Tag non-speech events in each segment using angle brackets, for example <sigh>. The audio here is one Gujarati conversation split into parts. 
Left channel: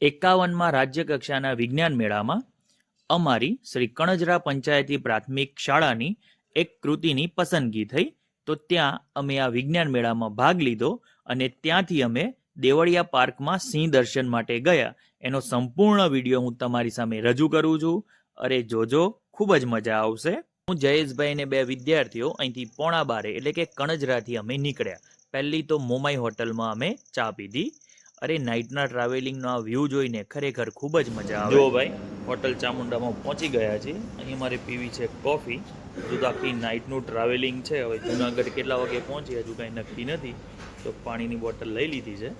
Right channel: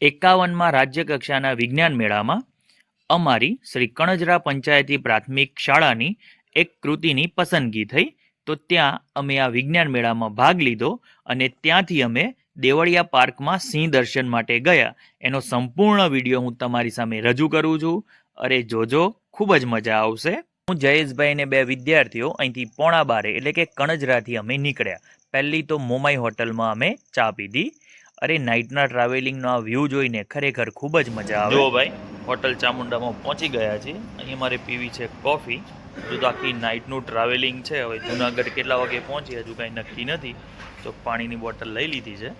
એકાવનમાં રાજ્ય કક્ષાના વિજ્ઞાન મેળામાં અમારી શ્રી કણજરા પંચાયતી પ્રાથમિક શાળાની એક કૃતિની પસંદગી થઈ. તો ત્યાં અમે આ વિજ્ઞાન મેળામાં ભાગ લીધો અને ત્યાંથી અમે દેવળિયા પાર્કમાં સિંહ દર્શન માટે ગયા. એનો સંપૂર્ણ વીડિયો હું તમારી સામે રજૂ કરું છું. અરે જોજો, ખૂબ જ મજા આવશે. હું જયેશભાઈ ને બે વિદ્યાર્થીઓ અહીંથી પોણા બારે એટલે કે કણજરાથી અમે નીકળ્યા. પહેલી તો મોમાઈ હોટલમાં અમે ચા પીધી. અરે નાઇટના ટ્રાવેલિંગનો આ વ્યૂ જોઈને ખરેખર ખૂબ જ મજા આવે. જો ભાઈ હોટલ ચામુંડામાં પહોંચી ગયા છીએ. અહીં મારે પીવી છે કોફી જો આખી નાઇટનું ટ્રાવેલિંગ છે. હવે જુનાગઢ કેટલા વાગે પહોંચી હજુ કાંઈ નક્કી નથી. તો પાણીની બોટલ લઈ લીધી છે.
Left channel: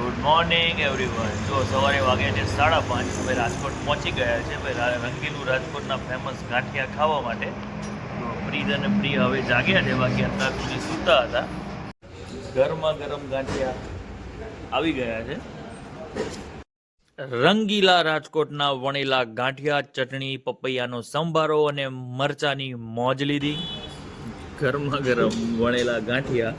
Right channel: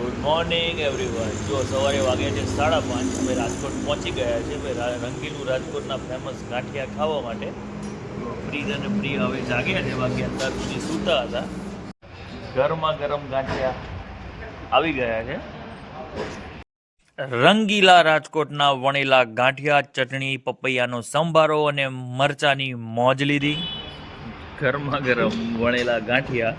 ગુડ મોર્નિંગ એવરીવન જો સવારે વાગ્યા છે સાડા પાંચ, અમે રાજકોટ પહોંચી ગયા છે ભાઈ રંગીલું રાજકોટના ફેમસ ગાંઠિયા ખાવા માટે. પ્રીત અને પ્રિય હવે જાગ્યા છે, બાકી અત્યાર સુધી સૂતા હતા. ગરમા ગરમ ગાંઠિયા. આવી ગયા છે. રંગીલા રાજકોટના વણેલા ગાંઠિયા ચટણી પપૈયાનો સંભારો અને મરચાની મોજ લીધી. ગરમા ગરમ વણેલા ગાંઠિયા.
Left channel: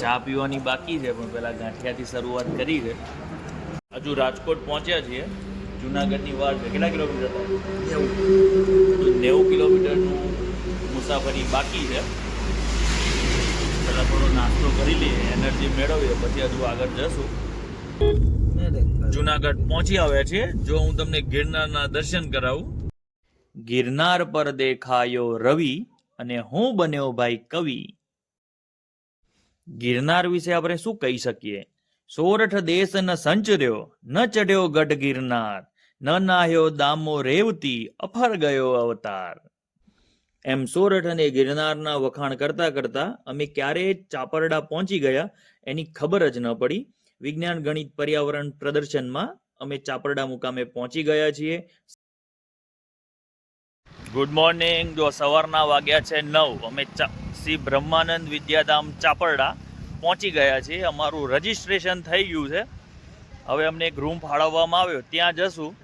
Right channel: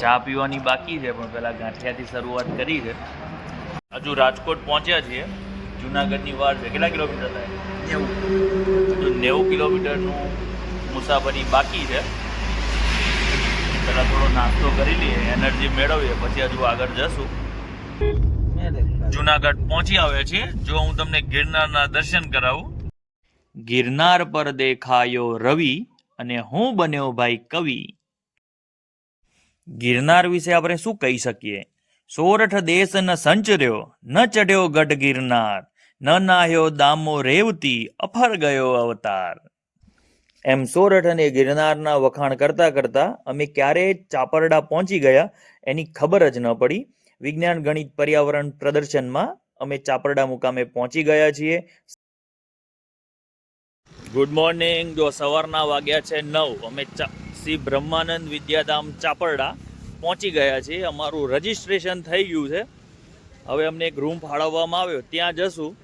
ચા પીવાની બાકી છે પણ પહેલાં ગાંઠિયાથી શરૂઆત કરી છે. હજુ રાજકોટ પહોંચ્યા છીએ. જુનાગઢની વાર છે. કેટલા કિલોમીટર થાય? હજુ નેવું કિલોમીટરનું મુસાફરી બાકી છે. પહેલાં થોડો નાસ્તો કરી લઈએ, એનર્જી મેળવીએ, પછી હજુ આગળ જશું. જુનાગઢ પહોંચી આવ્યા છીએ. જો હું તમને ગિરનારના દર્શન કરાવું. ગિરનાર પર દેખાયો રવિ અને હું બન્યો ભાઈ કવિ. ગિરનાર વિશે આપણે શું કહી શકીએ? સોરઠ દેશ ન સંચર્યો, ન ચઢ્યો ગઢ ગિરનાર. ન નાહ્યો દામો રેવતી, અફર ગયો અવતાર. એમ સોરઠ અને ગિરનારના વખાણ કરતા કરતા અમે ક્યારે ચાપરડા પહોંચી ગયા એની ખબર જ ન પડી. વિજ્ઞાન, ગણિત, પર્યાવરણ પ્રદર્શનમાં અમે ચાપરડા મુકામે પહોંચી ગયા છીએ. Good morning. જો સવારના વાગ્યા છે નવ, અમે શ્રી બ્રહ્માનંદ વિદ્યાધામ ચાપરડા પહોંચી ગયા છીએ. અમારું રજિસ્ટ્રેશન થઈ ગયું છે. હવે અમને એક રૂમ ફાળવવામાં આવ્યો. ત્યાં જશું.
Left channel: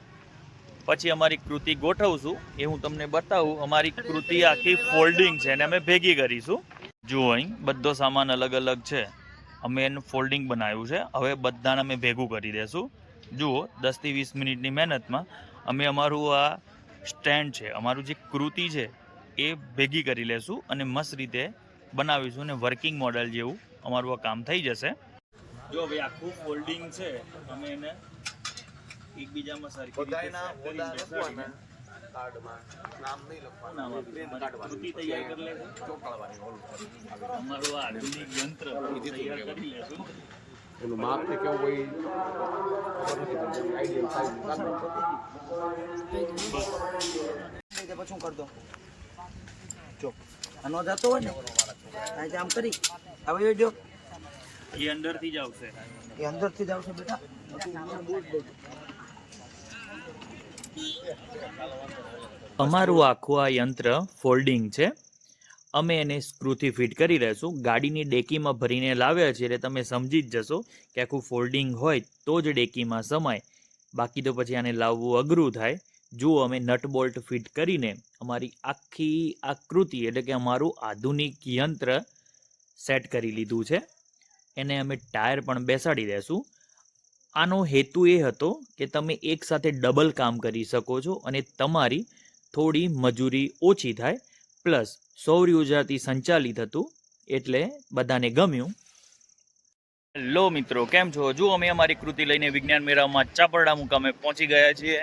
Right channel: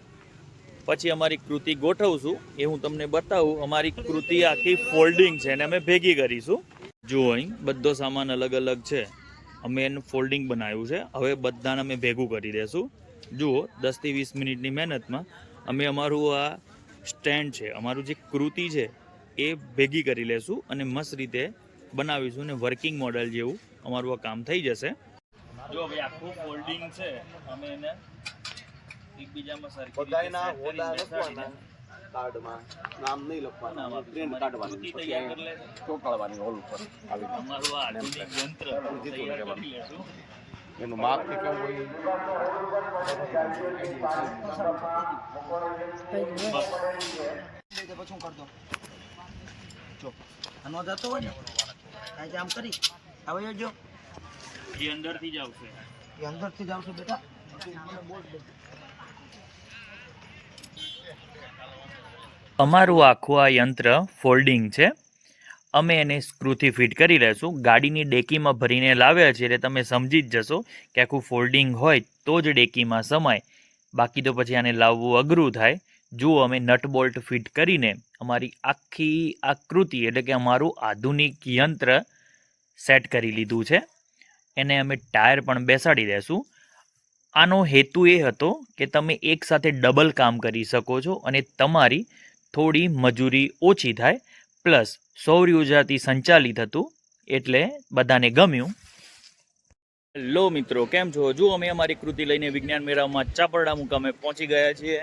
પછી અમારી કૃતિ ગોઠવશું એ હું તમને બતાવું. અમારી કૃતિ આખી ફોલ્ડિંગ છે અને અમે ભેગી કરીશું. જુઓ અહીં, બધો સામાન અલગ અલગ છે. અમે એનું ફોલ્ડિંગ બનાવ્યું છે. હવે બધાને અમે ભેગું કરી દેશું. જુઓ દસથી વીસ મિનિટની મહેનતમાં અમે અમારું આ સ્ટેન્ડ છે, અમારું જે કૃતિ છે, એ ભેગી કરી લેશું અને મસ્ત રીતે બનાવીશું અને વર્કિંગ મોડેલ જેવું અમારું આ કામ થઈ જશે. જો ભાઈ, આખું ફોલ્ડિંગ છે. અમે એને એકબીજામાં સરખી રીતે સેટ કરીને બેસાડીને શું નામ આપ્યું કૃતિ તૈયાર કરી લેશો અમારું આ આધુનિક યંત્ર તૈયાર કરી લેશું એનું માપ કે કેવું હોય? પછી હું કરી દઉં. જો આનો જતો હોય ને આજે આમ કરી. હવે જો એ અંદરથી જ આવશે. એ અંદરથી જ આવશે બેટા. મને બોલ દે. અમારું આખું આ યંત્ર ફોલ્ડિંગ છે. અમે એને સ્ક્રૂથી ફિટ કરી લેશું ગાડીની ડેકીમાં ભરીને લાવ્યા છીએ એટલે તમે સમજી જ જશો કે આખું ફોલ્ડિંગ હોય તો જ ડેકીમાં સમાય. બાકી તો પછી આને લાવવું અઘરું થાય. જુઓ, અમે નટ બોલ્ટ ફિટ કરીને અમારી આખી આકૃતિ એટલે કે અમારું આધુનિક યંત્ર સેટ કરી લીધું છે. એને અમે ટાયર પણ બેસાડી દેશું. આનો હેતુ એ હતો કે તમે એકસાથે ડબલ કામ કરી શકો છો અને તમારી થોડી મજૂરી ઓછી થાય. પ્લસ સૌર ઉર્જાથી સંચાલિત હતું એટલે બધાને ગમ્યું. હેલો મિત્રો, કેમ છો? જો અમે અમારી કૃતિ લઈને વિજ્ઞાન મેળામાં ચાપરડા મુકામે પહોંચી ગયા છીએ.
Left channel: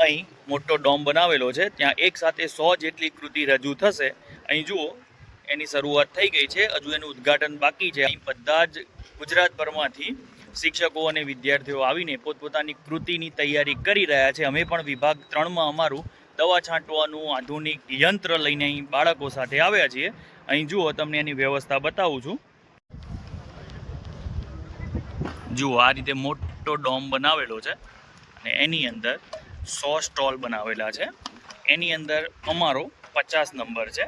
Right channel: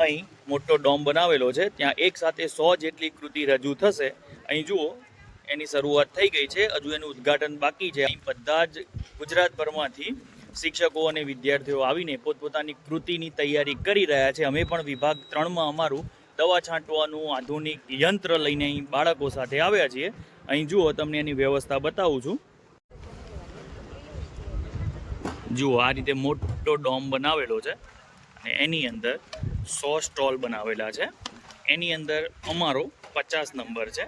અહીં મોટો ડોમ બનાવેલો છે, ત્યાં એક સાથે સો જેટલી કૃતિ રજૂ થશે. અહીં જુઓ, એની શરૂઆત થઈ ગઈ છે, હજુ એનું ઉદ્ઘાટન બાકી છે. અહીં બધા જ ગુજરાતભરમાંથી શિક્ષકો અને વિદ્યાર્થીઓ આવીને પોતપોતાની કૃતિની તૈયારી કરી રહ્યા છે. અમે પણ વિભાગ ત્રણમાં અમારું દવા છાંટવાનું આધુનિક યંત્ર લઈને અહીં બાળકો સાથે આવ્યા છીએ. અહીં જુઓ, તમને એની વ્યવસ્થા બતાવું છું. જુઓ, આ રીતે મોટો ડોમ બનાવેલો છે અને એની અંદર સો સ્ટોલ બનાવેલા છે. એની અંદર અમારો પચાસ નંબર છે.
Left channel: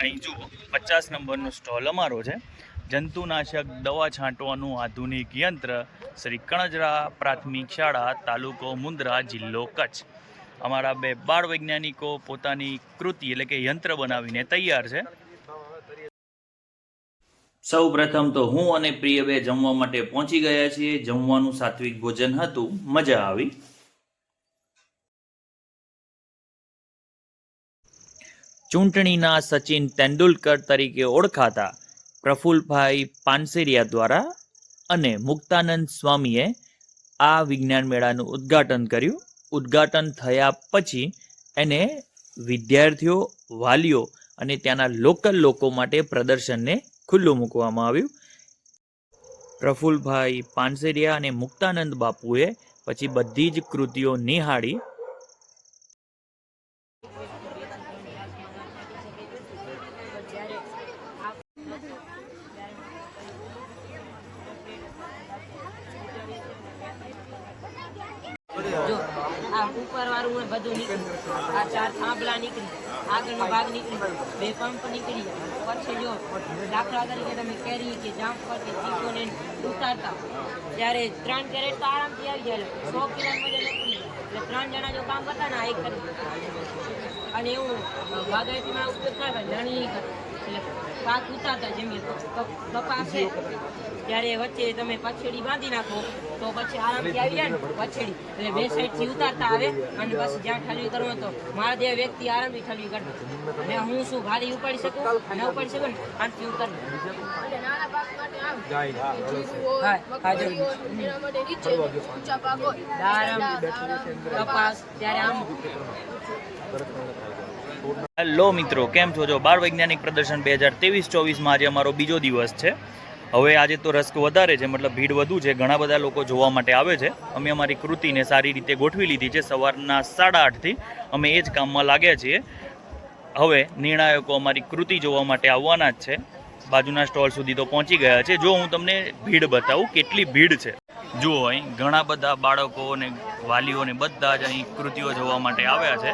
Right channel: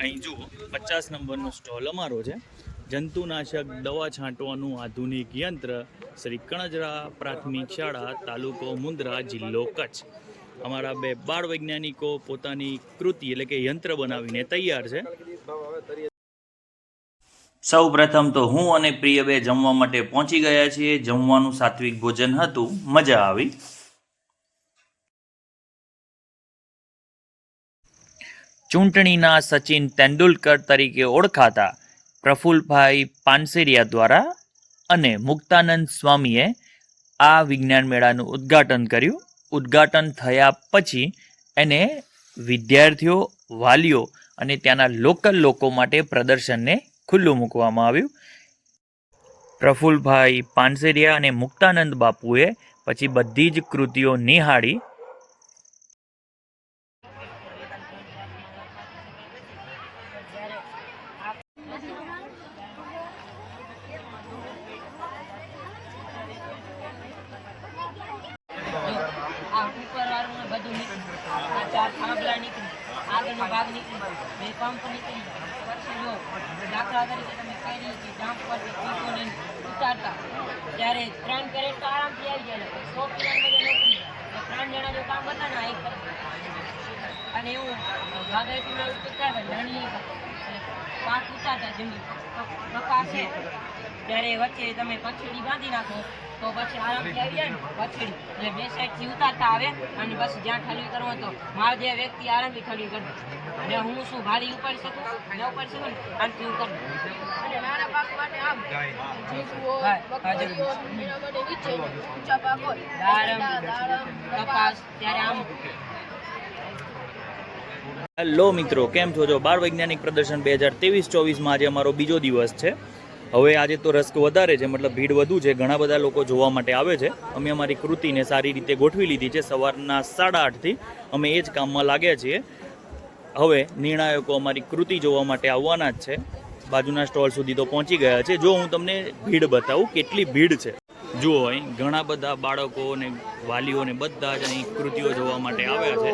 અહીં જુઓ, પચાસ નંબરનો સ્ટોલ અમારો છે. જંતુનાશક દવા છાંટવાનું આધુનિક યંત્ર શ્રી કણજરા પ્રાથમિક શાળા, તાલુકો મુન્દ્રા જિલ્લો કચ્છ. અમારા બે બાળ વૈજ્ઞાનિકો પોતાની કૃતિ એટલે કે યંત્ર બનાવીને તૈયાર છે. સૌ પ્રથમ તો હું અને પ્રિયબે જમવા માટે પહોંચી ગયા છીએ. જમવાનું સાત્વિક ભોજન હતું. મજા આવી. ચૂંટણીના સચિન તેંડુલકર તરીકે ઓળખાતા પ્રફુલભાઈ પાનસેરિયા દ્વારા અને મુક્તાનંદ સ્વામીએ આ વિજ્ઞાન મેળાનું ઉદ્ઘાટન કર્યું. ઉદ્ઘાટન થયા પછી એને વિદ્યાર્થીઓ, વાલીઓ અને ત્યાંના લોકલ લોકો માટે પ્રદર્શનને ખુલ્લું મૂકવામાં આવ્યું. પ્રફુલભાઈ પાનસેરિયા અને મુક્તાનંદ બાપુએ પછી બધી જ કૃતિઓ નિહાળી જો આ ઉપર વાળું હોય બધું નીકળી આ ચાર થાંભલા નીકળી આગળનો ભાગ નીકળી બે પંપ નીકળી જાય. પછી જો, દાખલા તરીકે તમે કેરી કે જામ પરથી ચીકોને ઉતારતા ત્યારે ત્રણ કેરેટ તો આરામથી આવી જાય સો કિલોમીટર નીકળી એટલે ત્રણ જણા જો કામ કરતા ને એક કરે. અને એવું બાગાયતીમાં ઉપયોગ થાય નાની એટલે પાક ઉતારતા, જેમ ક- કપાસ છે. ત્યારે વચ્ચે તમે પછેડી બાંધી નાખો. તો પછી આરામથી આવી જાય ને પછેડી. એટલે બે સાઈડથી ઉતારતા આવે અને બસ જ્યાં ઠલવી કરવો તો મારા જે વ્યક્તિ આરામથી ઠલવી કરી અને હું શું ભારી ઉપાડી શકું ન ઉપાડી શકું ને આમથી હું કરી અને નાના પાક માટે આમ જીરું હોય હા, હા, મગફળી હોય એના માટે નીચે ઊંચા પાક હોય. દાડમ, એરંડા, દાડમ કપાસ. ત્યારે આમ. હેલો મિત્રો કેમ છો? જો બાળ વૈજ્ઞાનિક પ્રદર્શન બે હજાર ત્રેવીસ ચોવીસમાં આજે અમારો બીજો દિવસ છે. હવે આજે તો રસ્ક વધારે છે, મતલબ ભીડ વધુ છે, ઘણા બધા લોકો જોવા માટે આવે છે. અમે અમારી કૃતિને સારી રીતે ગોઠવી લીધી છે, સવારના સાડા આઠથી અમે એ જ કામમાં લાગ્યા છીએ. હવે નિર્ણાયકો અમારી કૃતિ જોવા માટે આવવાના જ છે. બાજુના સ્ટોલ સુધી તો પહોંચી ગયા છે. જો હું તમને ભીડ બતાવું કેટલી ભીડ છે. જુઓ અહીં ઘણા બધા બાળકો અને વાલીઓને બધા જ અહીં કૃતિઓ જોવા માટે આવ્યા છે.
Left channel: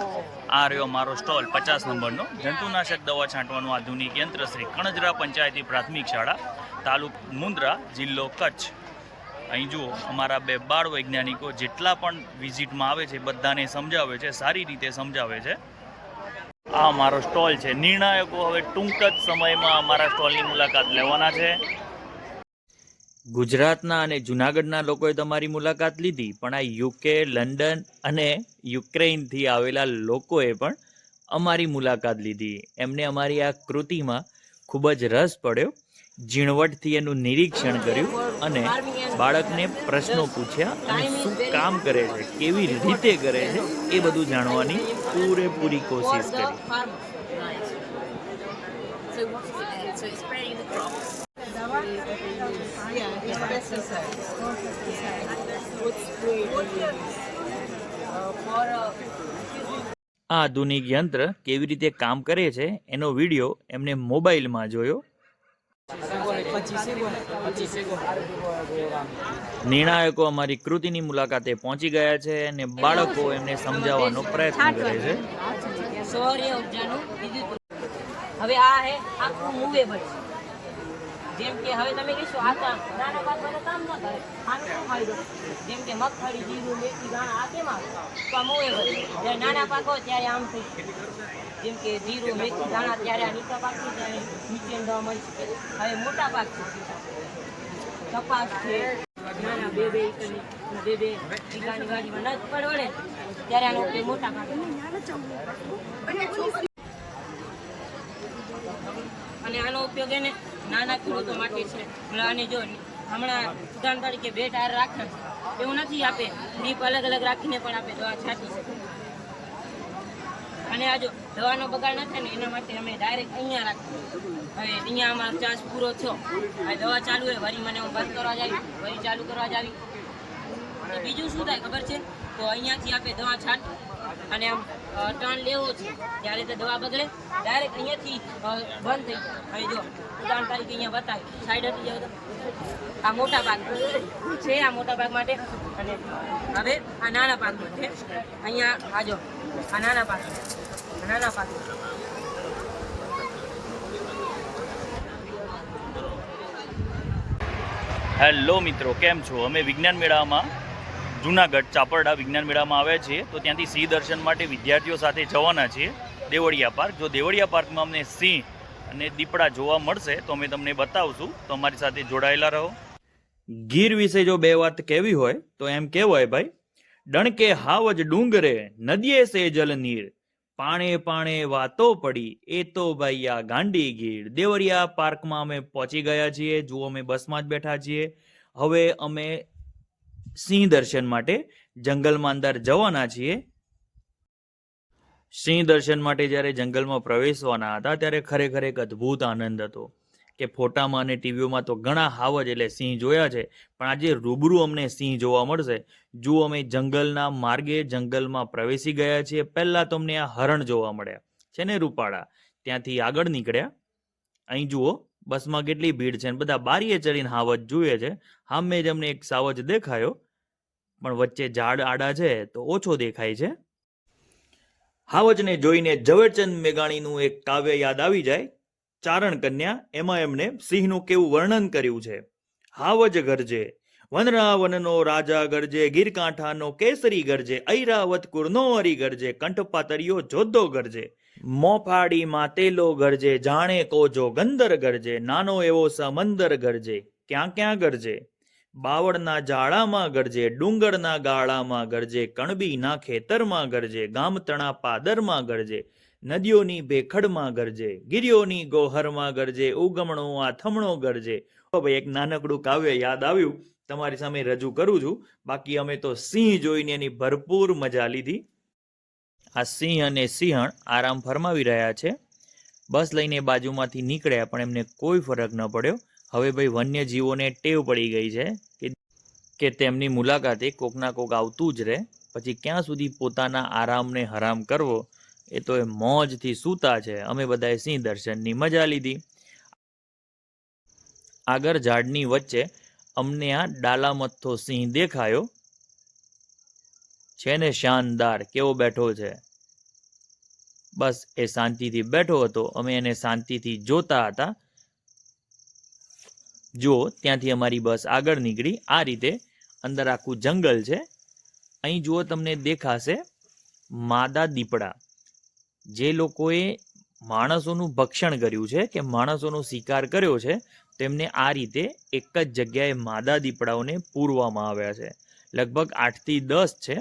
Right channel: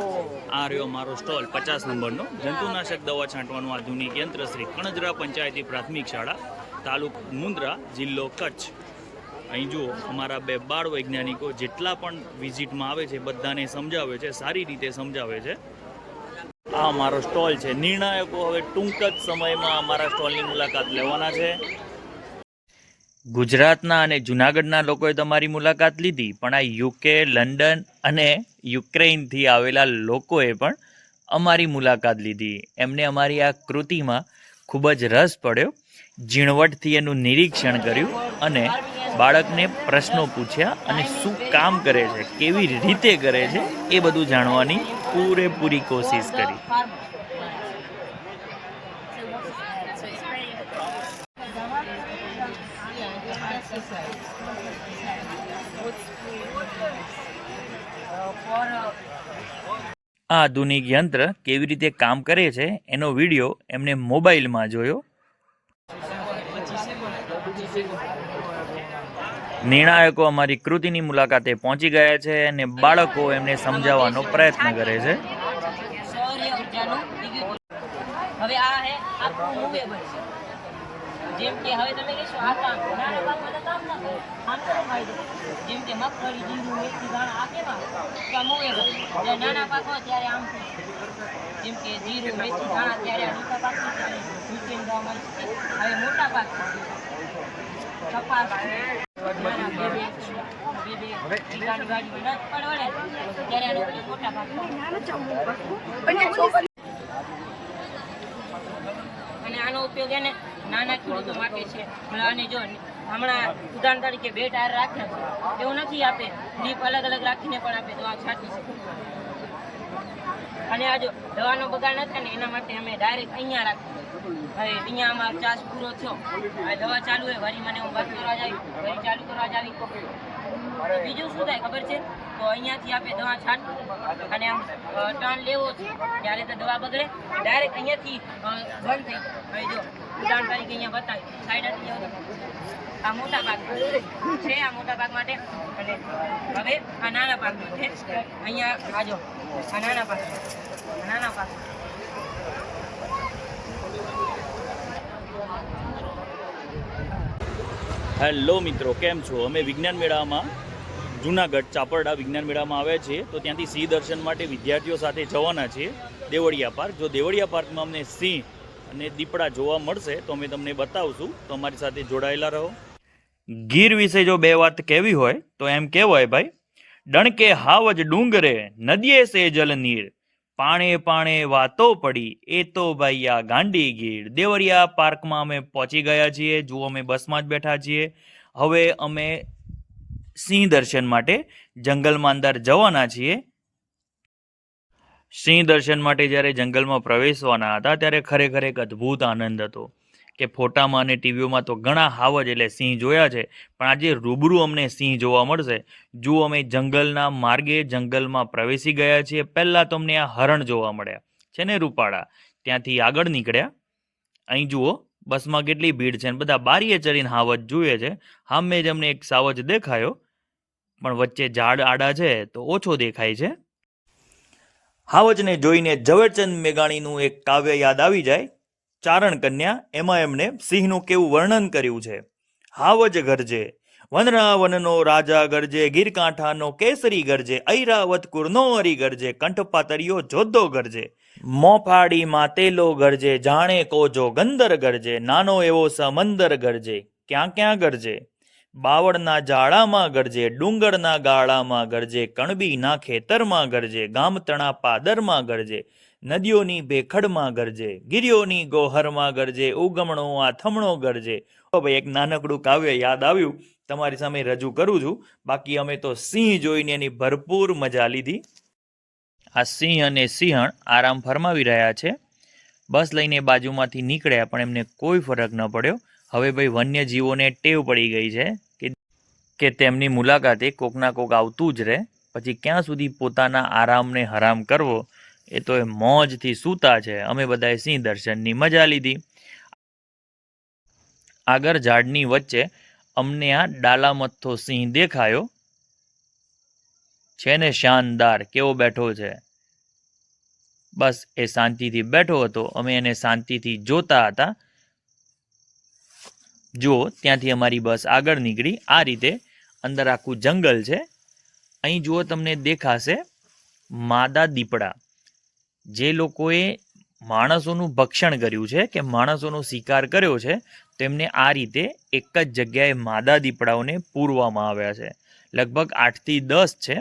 આ રહ્યો મારો સ્ટોલ પચાસ નંબરનો. જંતુનાશક દવા છાંટવાનું આધુનિક યંત્ર શ્રી કણજરા પંચાયતી પ્રાથમિક શાળા. તાલુક મુન્દ્રા જિલ્લો કચ્છ. અહીં જુઓ, અમારા બે બાળ વૈજ્ઞાનિકો જેટલા પણ વિઝિટમાં આવે છે, બધાને સમજાવે છે, સારી રીતે સમજાવે છે. આ અમારો સ્ટોલ છે. નિર્ણાયકો હવે ટૂંક જ સમયમાં અમારા સ્ટોલની મુલાકાત લેવાના છે. ગુજરાતના અને જુનાગઢના લોકોએ તમારી મુલાકાત લીધી, પણ આ યુકે, લંડન અને યુક્રેઇનથી આવેલા લોકોએ પણ અમારી મુલાકાત લીધી. એમને અમારી આ કૃતિમાં ખૂબ જ રસ પડ્યો. ઝીણવટથી એનું નિરીક્ષણ કર્યું અને બાળકને પ્રશ્નો પૂછ્યા અને શું કામ કરે છે, કેવી રીતે કરે છે, એ બધું જાણવાની પૂરેપૂરી કોશિશ કરી. આધુનિક યંત્ર કેવી રીતે કામ કરે છે, એનો વીડિયો એમને મોબાઈલમાં જોયો નિર્ણાયકો અમારી કૃતિની મુલાકાતે પહોંચી ગયા છે અને બાળકો એમને સમજાવવાનો પ્રયત્ન કરે છે. હવે આ હે, આખું મૂવેબલ છે. જેમ કે હવે તમે કહેશો આ નાના પાકમાં તો કામ ના કરે. આનો ફાયદો જેમ કે મગફળી, જીરું, મેથી દાણા આ કેમ આવે તો આ મૂવેબલ જ્યારે નાના પાક હોય ત્યારે આમ જેમ કે જીરું, મેથી દાણા ત્યારે આ નીચા પાક નીચે દવા મળી શકે હવે મોટા પાક છે. કપાસ છે. નાના બે બે બે બે વીઘાની વાડીમાં નથ પડે ત્યારે આનો ઉપયોગ મોટા પાક અને આનો ઉપયોગ એને નાના ખેડૂતો માટે છે. અને જો હમણાં ઉદાહરણ તરીકે બે ટાયર રાખે એવું નથી આપે. ડીપ અલગ અલગ રાખીને પણ આપે દવા છાંટી અને આ જો દવાનો બગાડ ન થાય ને એના માટે અમે ડાયરેક્ટ અહીંયા રાખીએ. હવે અહીંયા અમારો ચાસ પૂરો થયો. આ દવા ચાલુ હોય વળી મને હું બંધ કરવા જાવી વળી ચાલુ કરવા જાવી તો બીજું શું થાય ખબર છે? તો અહીંયાથી આપણે દવા છાંટ. અને આમ ટર્ન લેવો છે. ત્યારે તો દવા બગડે ડાયરેક્ટ અહીંયાથી બંધ થઈ જાય. જો, ઉદાહરણ તરીકે અહીંયા બતાવી સાઈડ હતી આ મોટા ભાગ છે, આ મોટા ભાગ માટે. અને હવે આ નાના પાક માટે. અહીંયા, આ જો, આ નાના પાક નાના પાક હેલો મિત્રો, કેમ છો? અમે વિજ્ઞાન મેળામાં જુનાગઢ ચાપરડા વિજ્ઞાન મેળામાં આવ્યા છીએ. તો ત્યાંથી સિંહ દર્શન માટે વિદ્યાર્થીઓ સાથે જવાના છીએ દેવળિયા પાર્ક. જો દેવળિયા પાર્કમાં અમને સિંહ અને દીપડા જોવા મળશે તો અમે તમને બતાવશું. તો અમારી સાથે જોડાયેલા રહો. ગીર વિશે જો બે વાત કહેવી હોય તો એમ કહેવાય ભાઈ, ડણકે હાવજ ડુંગરે, નદીએ સે જલ નીર. પાણે પાણે વાતો પડી, એ તો ભાઈ આ ગાંડી ગીર. દેવરિયા પાર્કમાં અમે પહોંચી ગયા છીએ, જુઓ અમે બસમાં જ બેઠા છીએ. હવે અમે સિંહ દર્શન માટે જંગલમાં અંદર જવાના છીએ. સિંહ દર્શન માટે જ્યારે જંગલમાં પ્રવેશવાના હતા, ત્યારે ખરેખર એક અદ્ભુત આનંદ હતો કે ફોટામાં અને ટીવીઓમાં તો ઘણા હાવજ એટલે સિંહ જોયા છે, પણ આજે રૂબરૂ અમને સિંહ જોવા મળશે. જો અમે જંગલના માર્ગે જંગલમાં પ્રવેશી ગયા છીએ, પહેલાં તો અમને આ હરણ જોવા મળ્યા. છે ને રૂપાળા? ત્યાંથી આગળ નીકળ્યા. અહીં જુઓ, બસમાં કેટલી ભીડ છે અને બધા બારીએ ચડીને હાવજ જુએ છે. સામે જ અમને એક સાવજ દેખાયો. પણ વચ્ચે ઝાડ આડા છે તો ઓછો દેખાય છે. હાવજને જોઈને ઝવેરચંદ મેઘાણીનું એક કાવ્ય યાદ આવી જાય. ચારણ કન્યા એમાં એમણે સિંહનું કેવું વર્ણન કર્યું છે. હાવજ ગરજે, વનરાવનનો રાજા ગરજે, ગીરકાંઠાનો કેસરી ગરજે ઐરાવત કુરનો અરી ગરજે કંઠપાતરિયો જોધો ગરજે, મોફાડી માતેલો ગરજે, જાણે કોજો ગંદર ગરજે, નાનો એવો સમંદર ગરજે, ક્યાં ક્યાં ગરજે? બાવળના જાળામાં ગરજે, ડુંગરના ગાળામાં ગરજે, કણબીના ખેતરમાં ગરજે, ગામતણા પાદરમાં ગરજે, નદીઓની ભેખડમાં ગરજે ગિરિયોની ગોહરમાં ગરજે, ઉગમણો, આથમણો ગરજે. તો ભાઈ એક નાનકડું કાવ્ય યાદ આવ્યું, તમારી સામે રજૂ કરું છું. બાકી અમે તો સિંહ જોઈને એની ભરપૂર મજા લીધી. આ સિંહ અને સિંહણ આરામ ફરમાવી રહ્યા છે. બસ લઈને બાજુમાંથી નીકળ્યા, પણ એમને કોઈ ફરક ન પડ્યો. હવે ભાઈ વન્યજીવોને ટેવ પડી ગઈ છે કે તેમની મુલાકાતે કોકના કોક આવતું જ રહે. પછી ક્યાં સુધી પોતાના આરામને હરામ કરવો એ તો એ મોજથી સૂતા છે. અમે બધાએ સિંહ દર્શનની મજા લીધી. આગળ ઝાડની વચ્ચે અમને આ ડાલામથ્થો સિંહ દેખાયો. છે ને શાનદાર કેવો બેઠો છે. બસ એ શાંતિથી બેઠો હતો. અમે એને શાંતિથી જોતા હતા. જો ત્યાંથી અમારી બસ આગળ નીકળી, આ રીતે અંદર આખું જંગલ છે. અહીં જુઓ તમને દેખાશે માદા દીપડા. જે લોકોએ માણસોનું ભક્ષણ કર્યું છે કે માણસોનો શિકાર કર્યો છે, તેમને આ રીતે એક જ જગ્યાએ માદા દીપડાઓને પૂરવામાં આવ્યા છે. લગભગ આઠથી દસ છે.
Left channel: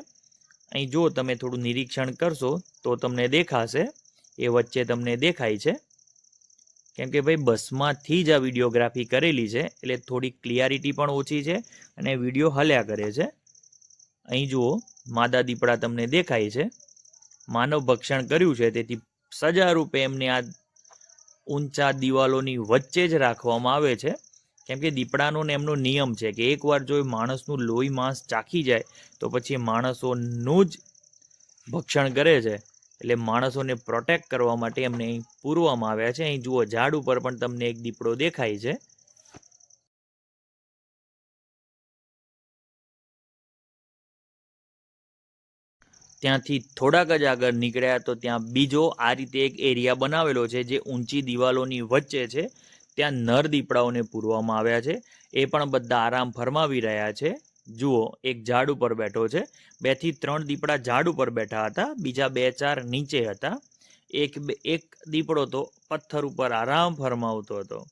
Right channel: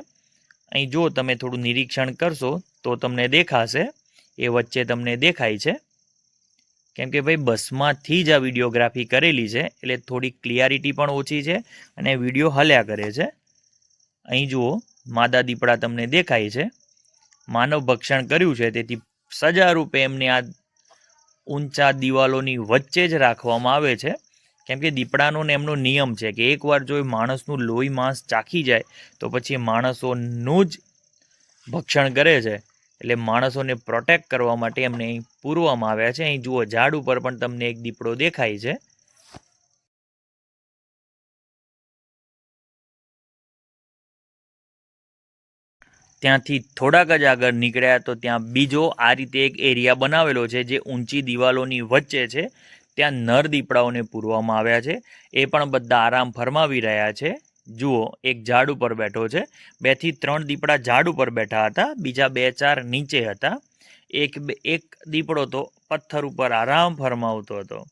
અહીં જો તમે થોડું નિરીક્ષણ કરશો તો તમને દેખાશે. એ વચ્ચે તમને દેખાય છે. કેમ કે ભાઈ બસમાંથી જ આ વિડીયોગ્રાફી કરેલી છે, એટલે થોડી ક્લિયારિટી પણ ઓછી છે અને વીડિયો હલ્યા કરે છે. અહીં જુઓ, માદા દીપડા તમને દેખાય છે. માનવ ભક્ષણ કર્યું છે, તેથી સજા રૂપે એમને આ ઊંચા દિવાલોની વચ્ચે જ રાખવામાં આવે છે. કેમ કે દીપડાનો ને એમનો નિયમ છે કે એકવાર જો એ માણસનું લોહી માંસ ચાખી જાય, તો પછી માણસોનું જ ભક્ષણ કરે છે. એટલે માણસોને પ્રોટેક્ટ કરવા માટે એમને અહીં પૂરવામાં આવ્યા છે. અહીં જુઓ, ઝાડ ઉપર પણ તમને એક દીપડો દેખાય છે. ત્યાંથી થોડાક જ આગળ નીકળ્યા તો ત્યાં બીજો આ રીતે એક એરિયા બનાવેલો છે, જે ઊંચી દિવાલોની વચ્ચે છે. ત્યાં નર દીપડાઓને પૂરવામાં આવ્યા છે. એ પણ બધા આરામ ફરમાવી રહ્યા છે. જુઓ, એક ઝાડ ઉપર બેઠો છે. બેથી ત્રણ દીપડા ઝાડ ઉપર બેઠા હતા. બીજા બે ચાર નીચે હતા. એક બે, એક દીપડો તો પથ્થર ઉપર આરામ ફરમાવતો હતો.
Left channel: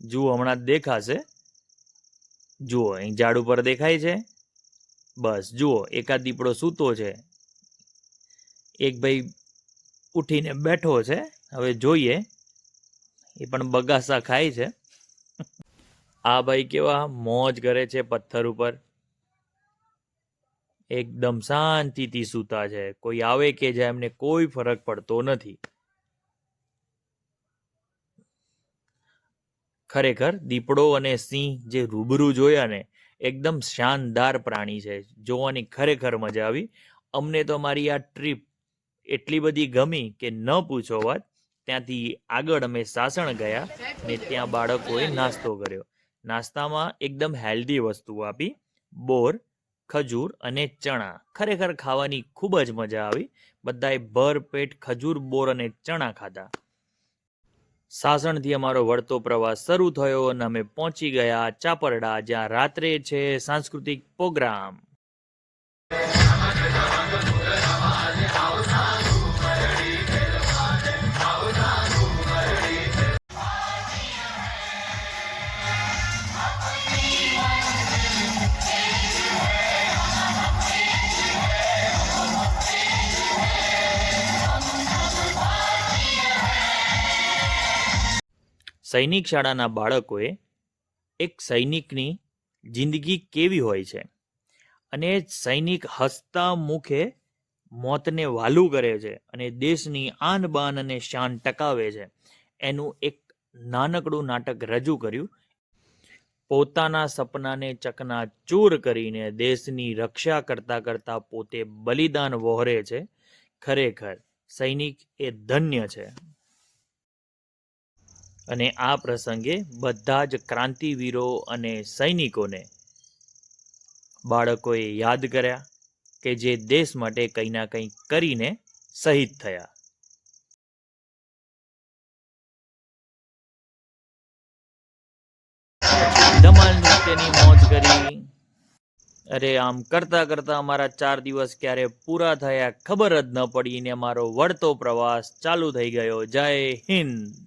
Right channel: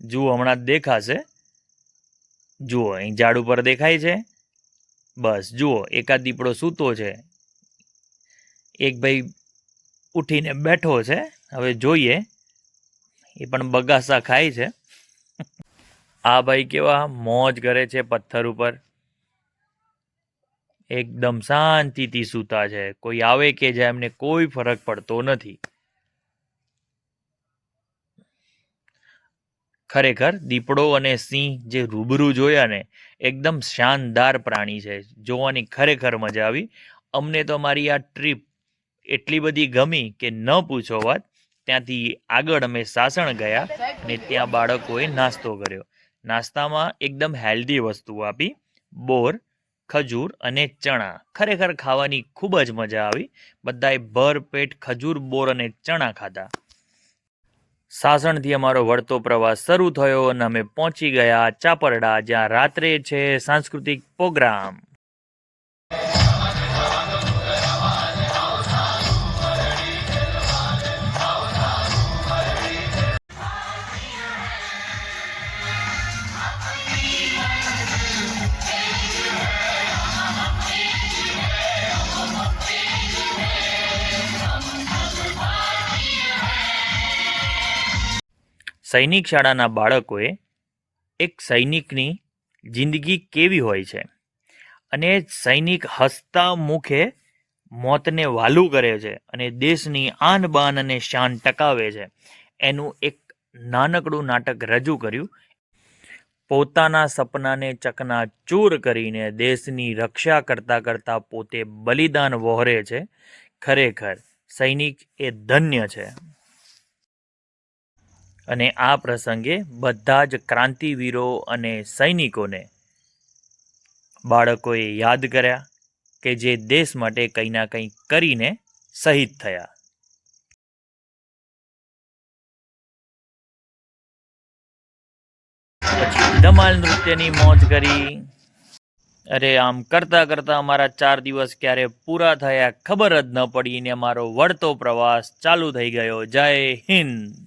જુઓ, હમણાં દેખાશે. જુઓ, અહીં ઝાડ ઉપર દેખાય છે. બસ, જુઓ, એકાદ દીપડો સૂતો છે. એક ભાઈ ઉઠીને બેઠો છે. હવે જોઈએ. એ પણ બગાસા ખાય છે. <laughs> આ ભાઈ કેવા મોજ કરે છે પથ્થર ઉપર. એકદમ શાંતિથી સૂતા છે. કોઈ આવે કે જાય એમને કોઈ ફરક પડતો નથી. ખરેખર દીપડો અને સિંહ જે રૂબરૂ જોયા ને, એકદમ શાનદાર પ્રાણી છે. જોવાની ખરેખર મજા આવી. અમને તો મારી આ ટ્રીપ એટલી બધી ગમી કે ન પૂછો વાત. ત્યાંથી આગળ અમે સાસણ ગયા અને ત્યાં બાળકોએ નાસ્તો કર્યો. નાસ્તામાં એકદમ હેલ્ધી વસ્તુ આપી. બોર ખજૂર અને ચણા. ખરેખર ખાવાની ખૂબ જ મજા આવી. બધાએ ભરપેટ ખજૂર, બોર અને ચણા ખાધા. સાસણથી અમારો વળતો પ્રવાસ શરૂ થયો અને અમે પહોંચી ગયા ચાપરડા, જ્યાં રાત્રે છે સાંસ્કૃતિક પ્રોગ્રામ. સૈનિક શાળાના બાળકોએ એક સૈનિકની જિંદગી કેવી હોય છે? અને સૈનિક હસતા મુખે મોતને વાલું કરે છે અને દેશની આન બાન અને શાન ટકાવે છે. એનું એક નાનકડું નાટક રજૂ કર્યું. પોતાના સપનાને ચકનાચૂર કરીને દેશની રક્ષા કરતા કરતા પોતે બલિદાન વહોરે છે. ખરેખર સૈનિક એ ધન્ય છે. અને આ પ્રસંગે બધા જ ક્રાંતિવીરો અને સૈનિકોને બાળકોએ યાદ કર્યા કે જે દેશ માટે કંઈ ના કંઈ કરીને શહીદ થયા. ધમાલ નૃત્યની મોજ કરી. અરે આમ કરતા કરતા અમારા ચાર દિવસ ક્યારે પૂરા થયા ખબર જ ન પડી ને અમારો વળતો પ્રવાસ ચાલુ થઈ ગયો. જય હિન્દ.